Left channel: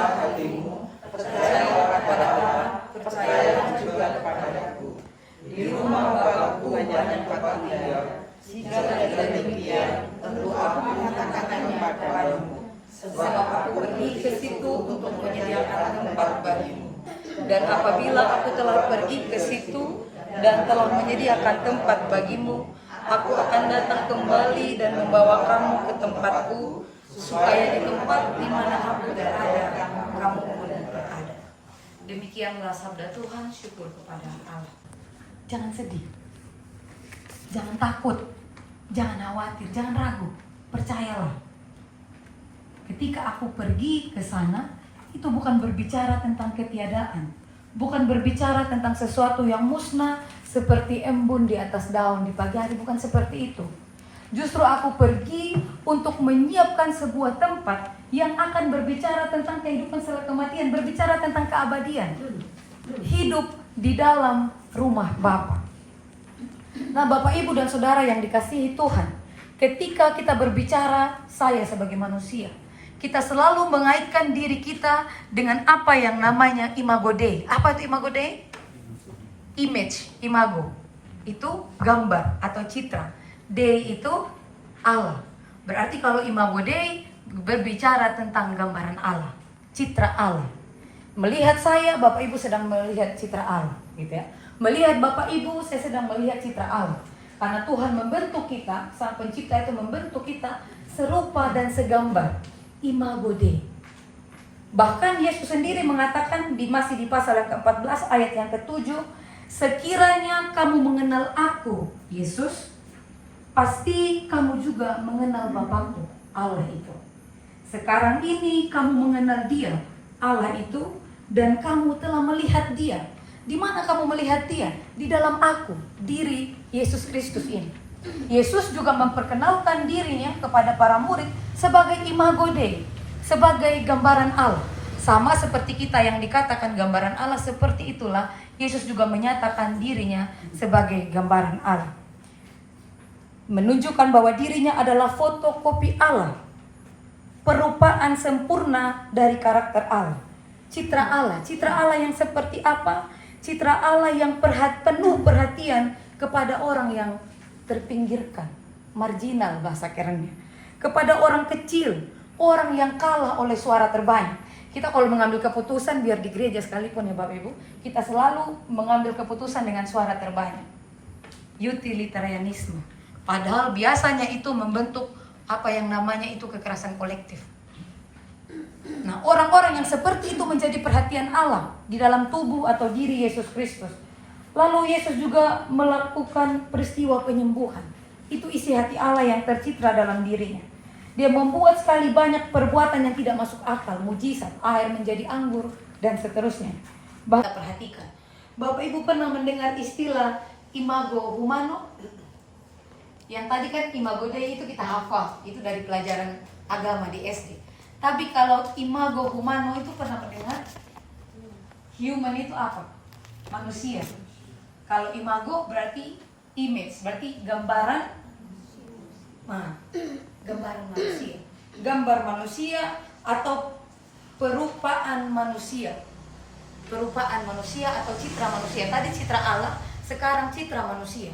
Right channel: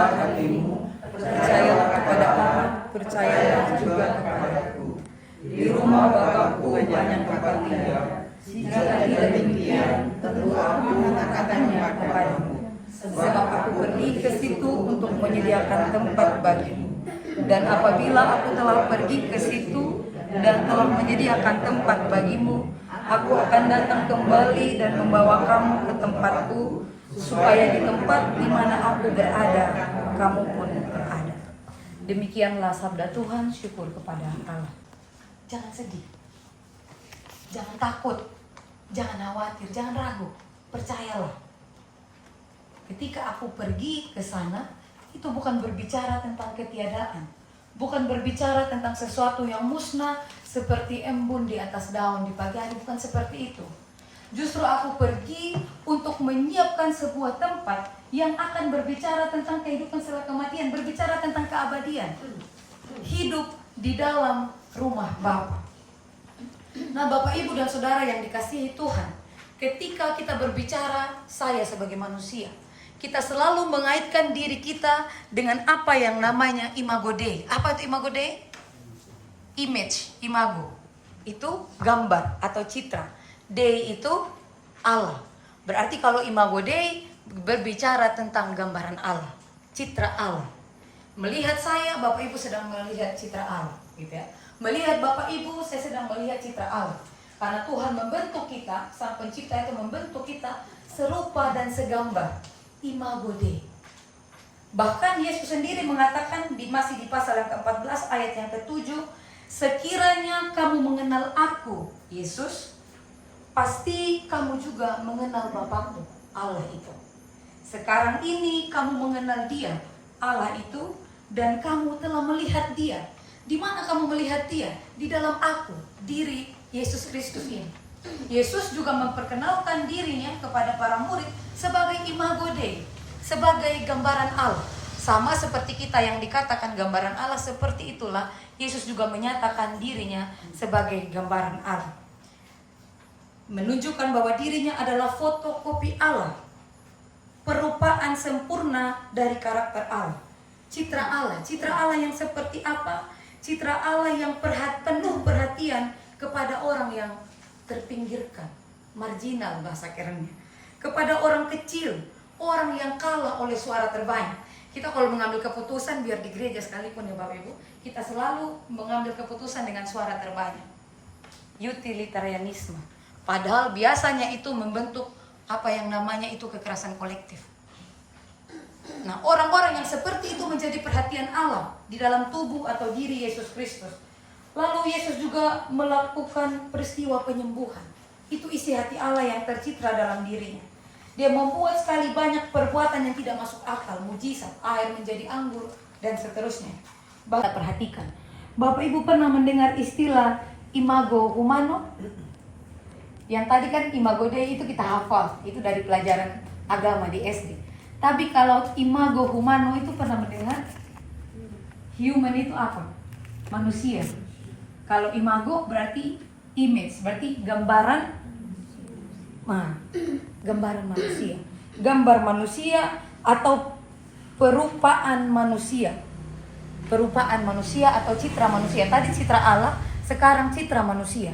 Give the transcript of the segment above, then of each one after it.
besar hatimu, percayalah kepada Allah, percayalah juga kepadaku. Di rumah Bapakku banyak tempat tinggal. Jika tidak demikian, tentu aku mengatakannya kepadamu. Sebab aku pergi ke situ untuk menyediakan tempat bagimu. Dan apabila aku telah pergi ke situ dan telah menyediakan tempat bagimu, aku akan datang kembali dan membawa kamu ke tempatku, supaya di tempat di mana aku berada, kamu pun berada. Demikianlah sabda Tuhan. Syukur kepada Allah. Jangan sedih, jangan takut, jangan khawatir, jangan ragu. Percayalah, ketika aku pergi ke sana, itu bukan berbicara tentang ketiadaan, bukan berbicara tentang sesuatu yang musnah seperti embun di atas daun di pagi hari, bukan seperti itu. Justru aku pergi untuk menyiapkan sebuah tempat yang akan berbicara tentang kehidupan setelah kematian, berbicara tentang keabadian, hidup di dalam rumah Bapa. Nah, Bapak, Ibu, dan Saudara yang dikasihi Tuhan, ketika kita berbicara saya sebagai manusia, kita selalu mengaitkan diri kita dengan apa yang namanya imago Dei. Apa itu imago Dei? Image, imago. Itu gambar atau citra. Dei itu Allah. Berarti kalau imago Dei berbicara tentang gambaran Allah, citra Allah. Melihat saya, Bapak Ibu sedang melihat citra Allah, gitu ya. Melihat Bapak Ibu, saya sedang melihat citra Allah. Karena Tuhan membentuk kita, Sang Pencipta itu membentuk kita serupa dan segambar. Imago Dei. Bahkan Yesus sendiri mengatakan masih di pasal yang ke-14 ayat yang ke-7, sekiranya kamu mengenal aku, Yesus, pasti kamu juga mengenal Bapakku, Allah itu. Sekarang ini kamu mengenal Dia, Allah itu, dan kamu telah melihat Dia. Di mana kamu melihat Dia? Di dalam aku, diri Yesus Kristus ini. Yesus juga memperkenalkan dirinya kepada para murid sebagai imago Dei, sebagai gambaran Allah. Sama seperti kita yang dikatakan gambaran Allah, seperti itulah Yesus juga menyatakan dirinya sebagai gambaran Allah. Menunjukkan bahwa dirinya adalah fotokopi Allah, perupaan sempurna dari karakter Allah. Citra Allah yang seperti apa? Citra Allah yang penuh perhatian kepada orang yang terpinggirkan, marginal bahasa kerennya, kepada orang kecil, orang yang kalah oleh suara terbanyak. Kita kalau mengambil keputusan, biar di gereja sekalipun ya Bapak Ibu, kita selalu mengambil keputusan dengan suara terbanyak. Utilitarianisme. Padahal biasanya itu membentuk apa yang namanya itu kekerasan kolektif. Nah, orang-orang yang seperti itu menjadi perhatian Allah di dalam tubuh atau diri Yesus Kristus. Lalu Yesus juga melakukan peristiwa penyembuhan. Itu isi hati Allah yang tercitra dalam dirinya. Dia membuat sekali banyak perbuatan yang tidak masuk akal, mujizat, air menjadi anggur, dan seterusnya. Bahkan perhatikan, Bapak Ibu pernah mendengar istilah imago humano? Yang tadi kan imago Dei itu kita hafal, itu dari pelajaran agama di SD. Tapi kalau imago humano itu pernah mendengar? Human itu apa? Manusia. Kalau imago berarti image, berarti gambaran. Nah, gambaran manusia. Gambar manusia atau perupaan manusia. Perupaan manusia atau citra manusia. Tadi citra Allah, sekarang citra manusia.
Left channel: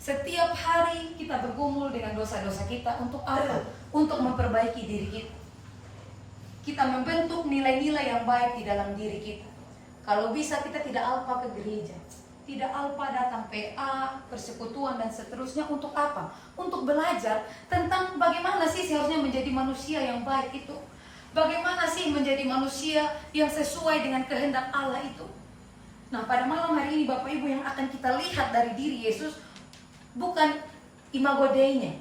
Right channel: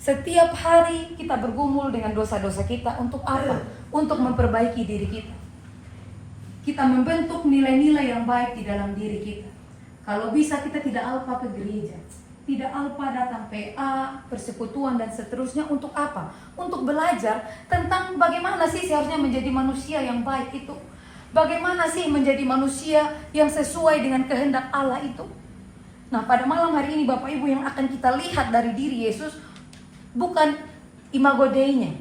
Setiap hari kita bergumul dengan dosa-dosa kita untuk apa? Untuk memperbaiki diri kita. Kita membentuk nilai-nilai yang baik di dalam diri kita. Kalau bisa kita tidak alpa ke gereja, tidak alpa datang PA, persekutuan dan seterusnya. Untuk apa? Untuk belajar tentang bagaimana sih seharusnya menjadi manusia yang baik itu. Bagaimana sih menjadi manusia yang sesuai dengan kehendak Allah itu. Nah, pada malam hari ini Bapak Ibu, yang akan kita lihat dari diri Yesus bukan imago Dei-nya,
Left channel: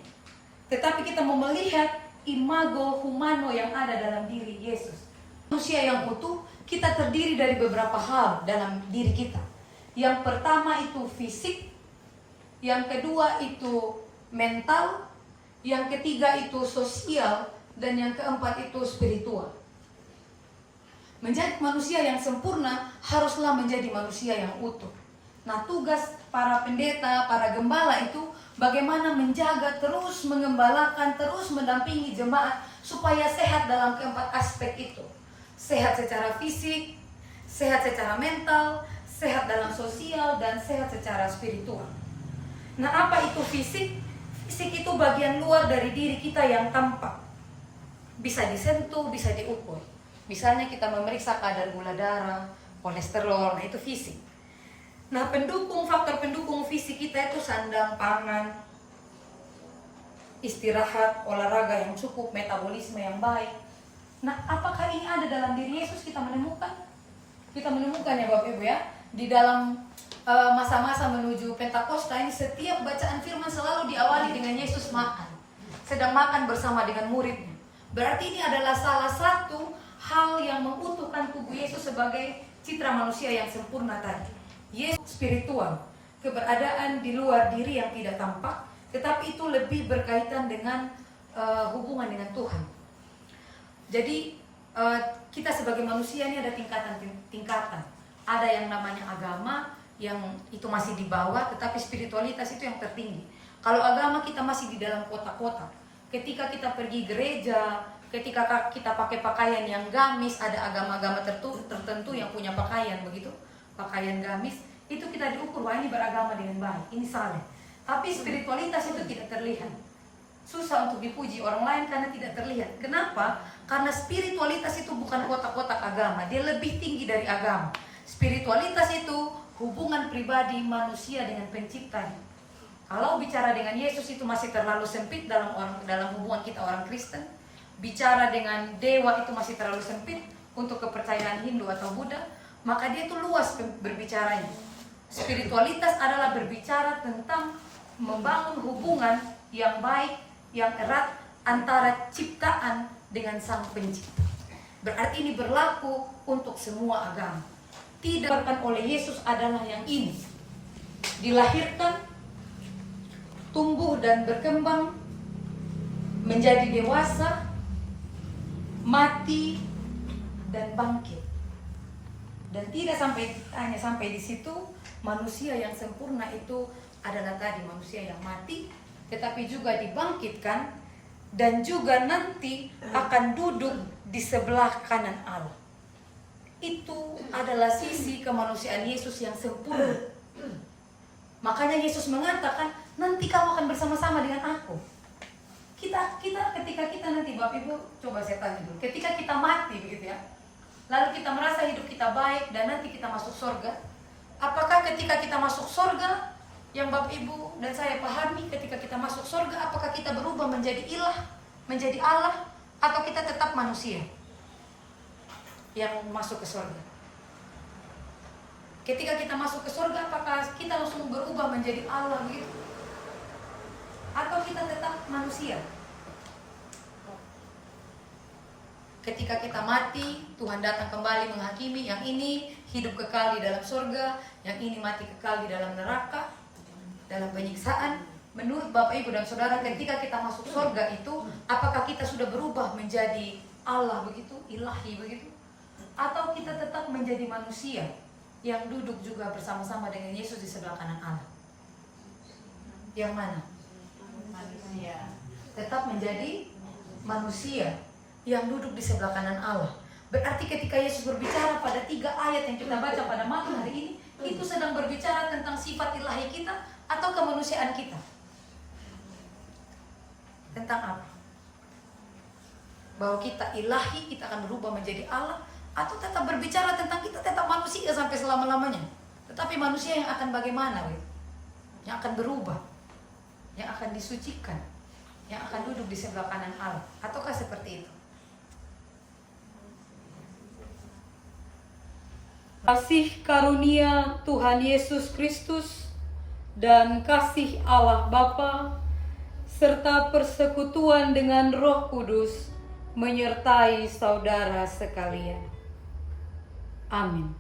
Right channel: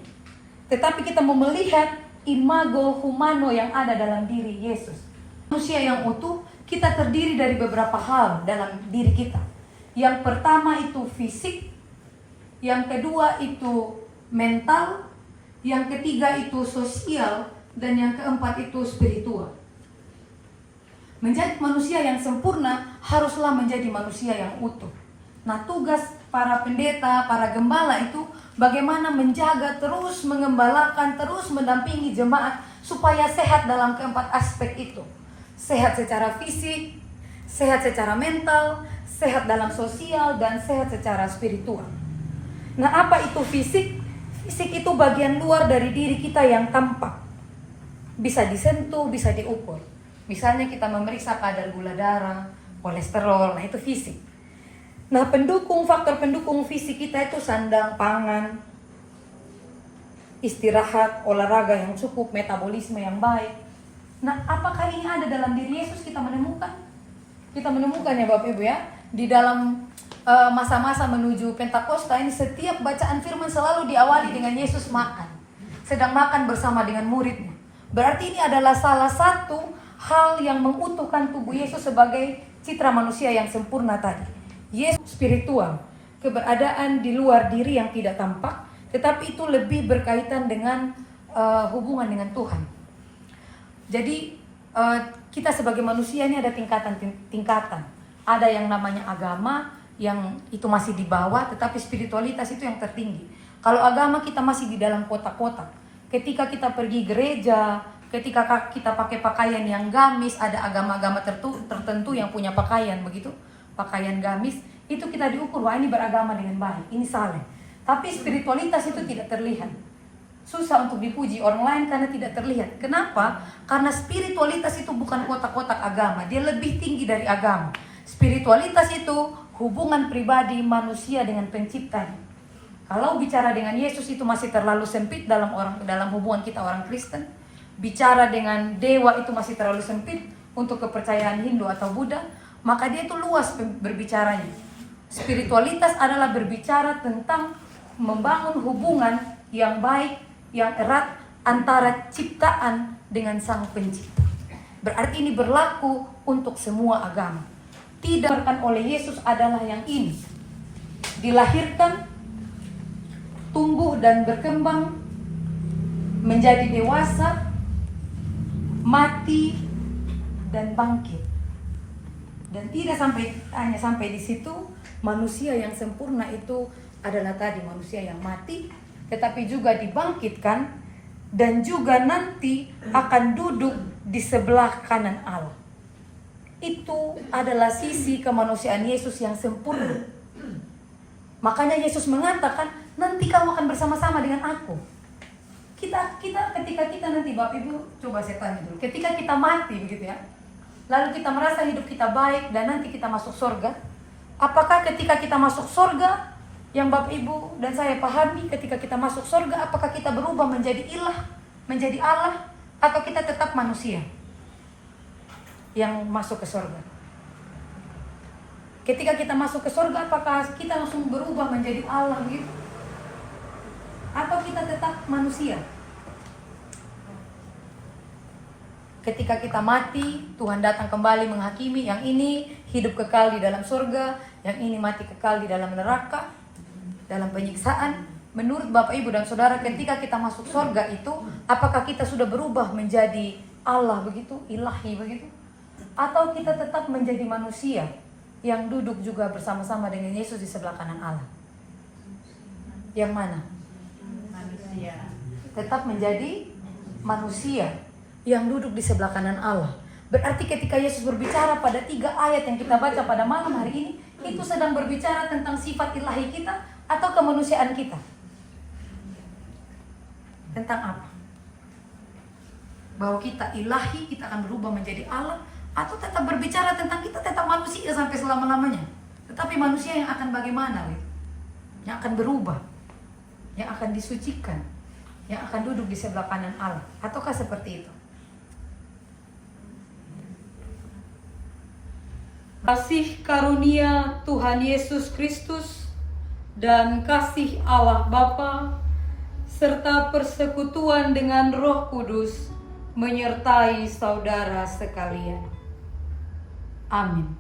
tetapi kita mau melihat imago humano yang ada dalam diri Yesus. Manusia yang utuh, kita terdiri dari beberapa hal dalam diri kita. Yang pertama itu fisik, yang kedua itu mental, yang ketiga itu sosial, dan yang keempat itu spiritual. Menjadi manusia yang sempurna haruslah menjadi manusia yang utuh. Nah, tugas para pendeta, para gembala itu bagaimana menjaga, terus mengembalakan, terus mendampingi jemaat supaya sehat dalam keempat aspek itu. sehat secara fisik, sehat secara mental, sehat dalam sosial, dan sehat secara spiritual. Nah, apa itu fisik? Fisik itu bagian luar dari diri kita yang tampak, bisa disentuh, bisa diukur. Misalnya kita memeriksa kadar gula darah, kolesterol, nah itu fisik. Nah, faktor pendukung fisik kita itu sandang, pangan, istirahat, olahraga yang cukup, metabolisme yang baik. Nah, apakah ini ada dalam diri Yesus? Kita menemukan ya Bapak Ibu ya. Di dalam masa-masa menuju Pentakosta ini, setiap bacaan firman selalu diawali dengan Yesus makan. Sedang makan bersama dengan muridnya. Berarti ini adalah salah satu hal yang mengutuhkan tubuh Yesus sebagai citra manusia yang sempurna tadi. Yesus spiritual, keberadaan di luar diri yang tidak tampak, tetapi itu lebih berkaitan dengan hubungan dengan Tuhan. Jadi kita sebagai manusia ini ada tingkatan. Ada yang namanya agama, yang itu masih di bawah, tetapi spiritualitas itu yang tertinggi. Kalau agama kita masih di dalam kotak-kotak. Ketika kita pergi gereja, ketika kita pakai pakaian yang gamis, ada agama-agama tertentu yang punya pakaian begitu, pakaian gamis, itu kita diukur, wah ini beragama dengan baik, ini saleh. Tapi spiritualitas itu tidak terlihat. Susah untuk dipuji orang lain karena tidak terlihat. Kenapa? Karena spiritualitas itu bukan kotak-kotak agama, dia lebih tinggi dari agama. Spiritualitas itu hubungan pribadi manusia dengan penciptanya. Kalau bicara dengan Yesus itu masih terlalu sempit dalam hubungan kita orang Kristen. Bicara dengan dewa itu masih terlalu sempit untuk kepercayaan Hindu atau Buddha. Maka dia itu luas berbicaranya. Spiritualitas adalah berbicara tentang membangun hubungan yang baik, yang erat antara ciptaan dengan Sang Pencipta. Berarti ini berlaku untuk semua agama. Tidak oleh Yesus adalah yang ini. Dilahirkan, tumbuh dan berkembang, menjadi dewasa, mati, dan bangkit. Dan tidak hanya sampai di situ, manusia yang sempurna itu adalah tadi manusia yang mati, tetapi juga dibangkitkan, dan juga nanti akan duduk di sebelah kanan Allah. Itu adalah sisi kemanusiaan Yesus yang sempurna. Makanya Yesus mengatakan, nanti kamu akan bersama-sama dengan aku. Ketika kita nanti, Bapak Ibu, coba saya tanya dulu, ketika kita mati begitu ya, lalu kita merasa hidup kita baik dan nanti kita masuk surga, apakah ketika kita masuk surga, yang Bapak Ibu dan saya pahami, ketika kita masuk surga, apakah kita berubah menjadi ilah, menjadi Allah, atau kita tetap manusia yang masuk ke surga? Ketika kita masuk ke surga, apakah kita langsung berubah menjadi Allah begitu? Atau kita tetap manusia? Ketika kita mati, Tuhan datang kembali menghakimi, yang ini hidup kekal di dalam surga, yang ini mati kekal di dalam neraka, dalam penyiksaan. Menurut Bapak Ibu dan Saudara, ketika kita masuk surga itu, apakah kita sudah berubah menjadi Allah begitu, ilahi begitu? Atau kita tetap menjadi manusia yang duduk juga bersama-sama dengan Yesus di sebelah kanan Allah? Yang mana? Manusia. Tetap menjadi manusia yang duduk di sebelah kanan Allah. Berarti ketika Yesus berbicara pada 3 ayat yang kita baca pada malam hari ini, itu sedang berbicara tentang sifat ilahi kita atau kemanusiaan kita? Tentang apa? Bahwa kita ilahi, kita akan berubah menjadi Allah, atau tetap berbicara tentang kita tetap manusia sampai selama-lamanya, tetapi manusia yang akan bagaimana? Yang akan berubah, yang akan disucikan, yang akan duduk di sebelah kanan Allah, ataukah seperti itu? Kasih karunia Tuhan Yesus Kristus dan kasih Allah Bapa serta persekutuan dengan Roh Kudus menyertai saudara sekalian. Amin.